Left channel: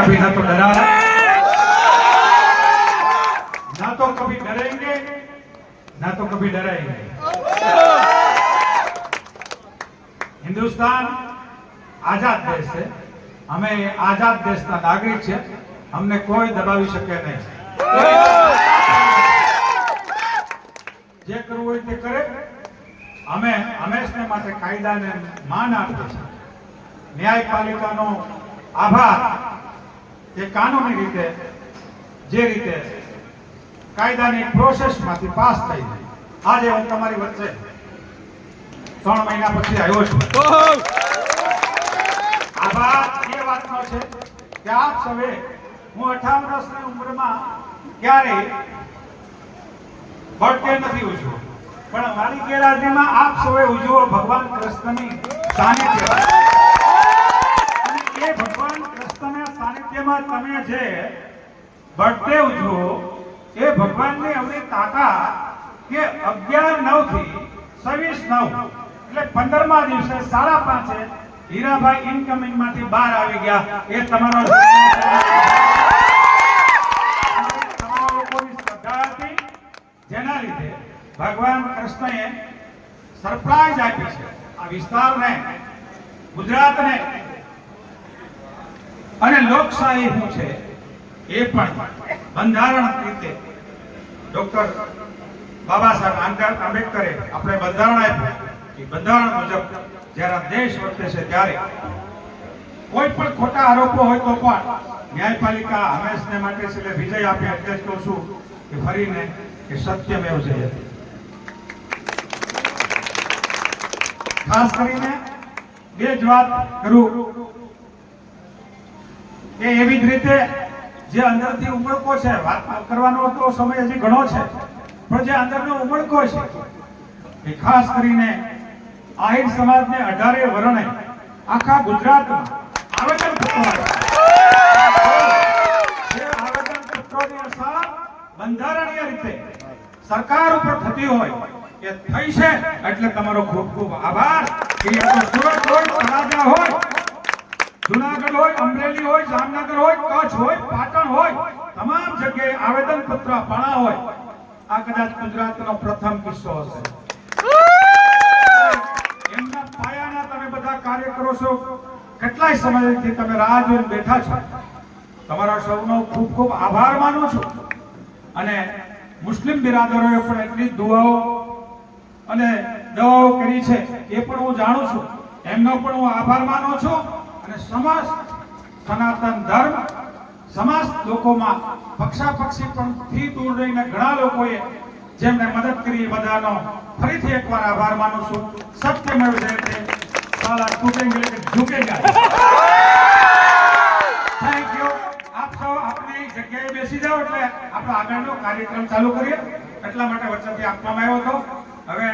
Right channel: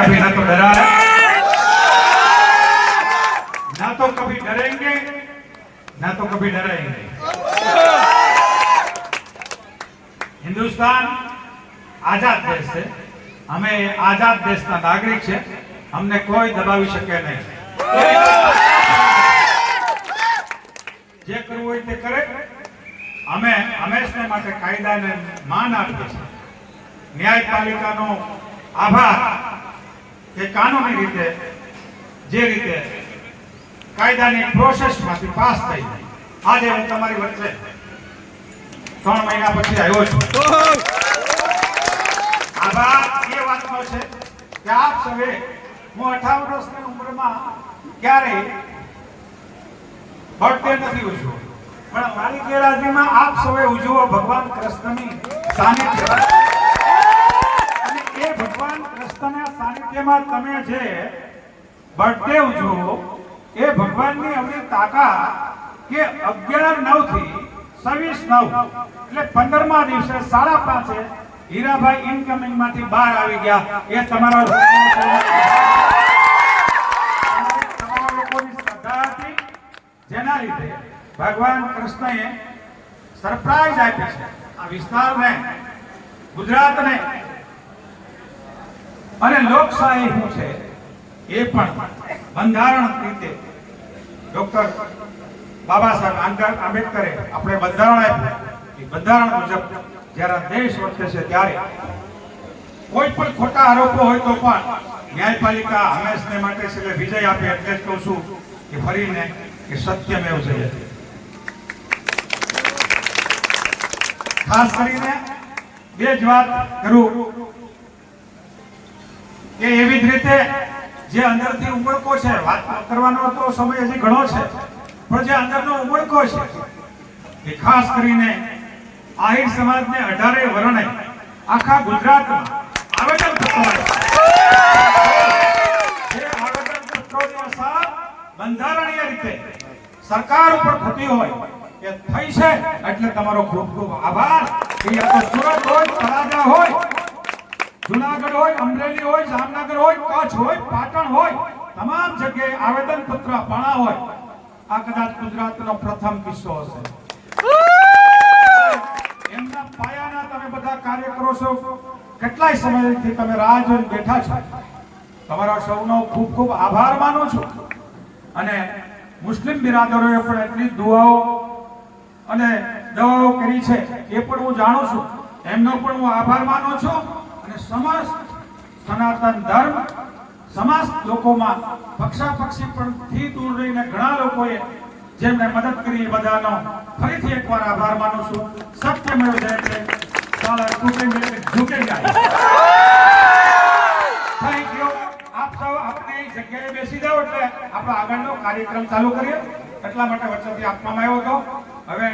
अभी ना तो डरा है, ना तो कभी डरेंगे, ना तो कभी डराएंगे। हिंदुस्तान आजाद देश है, हमें आजाद देश का नागरिक है, हमने कोई दबावी शके नहीं। जे करવું હોય તે કરે। અમે હંમેશને માટે કાયદાને માન આપીએ છીએ। ન્યાયપાલિકાનો આભાર તે કાનૂની રીતે જે રીતે કાયદાની પ્રોસેસમાંથી પાસ થઈ આજે હું તમારી વચ્ચે 3 મહિના પછી આવ્યો છું। આભાર એ વાતનો છે કે આપ સૌએ હું 58 વર્ષની ઉંમરમાં ક્યારેય બર્થડે નથી ઉજવ્યો, પણ મારી ગેરહાજરીમાં આપ સૌએ ઉજવો ભગવાન કૃષ્ણની સાનિધ્ય। અને એ ભગવાન કૃષ્ણના સાનિધ્યમાં તમે જે બર્થડે ઉજવો એ ભગવાનની અવળી તાકાત કે 11/9 થી 26/9 એટલે 15મા દિવસે 5:30 હીરાભાઈ ઇનકમિંગ માંથી બહાર આવી ગયા। એ તમારા લોકોની શ્રદ્ધા હતી, જેના લીધે ભગવાન કૃષ્ણએ સરપ્રાઈઝ આપી છે આ વિસ્તારને, ગુજરાતને। અને લોકશાહી શું છે એ પણ બંધારણ રીતે ડોક્ટર બાબા સાહેબ આંબેડકરે આપણે બંધારણ આપ્યું। એ બંધારણ મુજબ જ્યારે દેશ વર્તે છે ત્યારે કોઈ પણ ખોટા આરોપો હોય તો પણ ન્યાયપાલિકા હંમેશને માટે છે વિજય આપે। એટલે જ કહું છું કે ફરીને કે સત્યમેવ જયતે। ખાસ કરીને બે જ વાત કરું કે એવી જ રીતે જે અંદરથી ઉમળકો છે, વાત કરવાનો તો સમય હજી ઘણો છે, પણ જે અંદરનો ઉમળકો છે એ ખાસ કરીને આહિર સમાજને 18 વર્ણે આખા ગુજરાતમાં આવેદનપત્રો જે આવેદનપત્રોની અસર બંધારણીય રીતે સરકાર ઉપર થતી હોય કે થઈ છે, એટલે તમારો ખૂબ ખૂબ આભાર। સુરત હોય, તળાજા હોય, જુનાગઢ હોય, અમરેલી હોય, જામનગર હોય, કચ્છ હોય, પાટણ હોય, તમામ જગ્યાએ આવેદનપત્ર અપાણા હોય। આ કદાચ ગુજરાતનો પ્રથમ કિસ્સો હશે। એમના પાયાના તમે બધા કાર્ય કરો છો, કેટલાય સમયથી તમે રાહ જોઈને બેઠા છો। તમારા સૌનો ખૂબ ખૂબ આભાર માનું છું। અને મુસ્લિમ બિરાદરોએ પણ એટલી દુઆઓ અને દવાઓ કરી છે એ પણ હું જાણું છું, એમનો પણ હું આભાર માનું છું। અને સમસ્ત સનાતન ધર્મ, સમસ્ત લોકોમાં પક્ષાપક્ષી પણ થી દૂર રહીને ઘણા લોકોએ જેમને મદદ કરી એ બધાનો ફરીથી એકવાર આભાર માનું છું। સત્યમેવ જયતે, સાલા ટૂટેંગે ઝુકેગા। Thank you. આપ સૌ આપણી જગ્યાએ બેસી જાઓ એટલે આપણો આગળનો કાર્યક્રમ ચાલુ કરીએ। એટલા માટે વચ્ચેથી આપવામાં આવ્યો હતો। હવે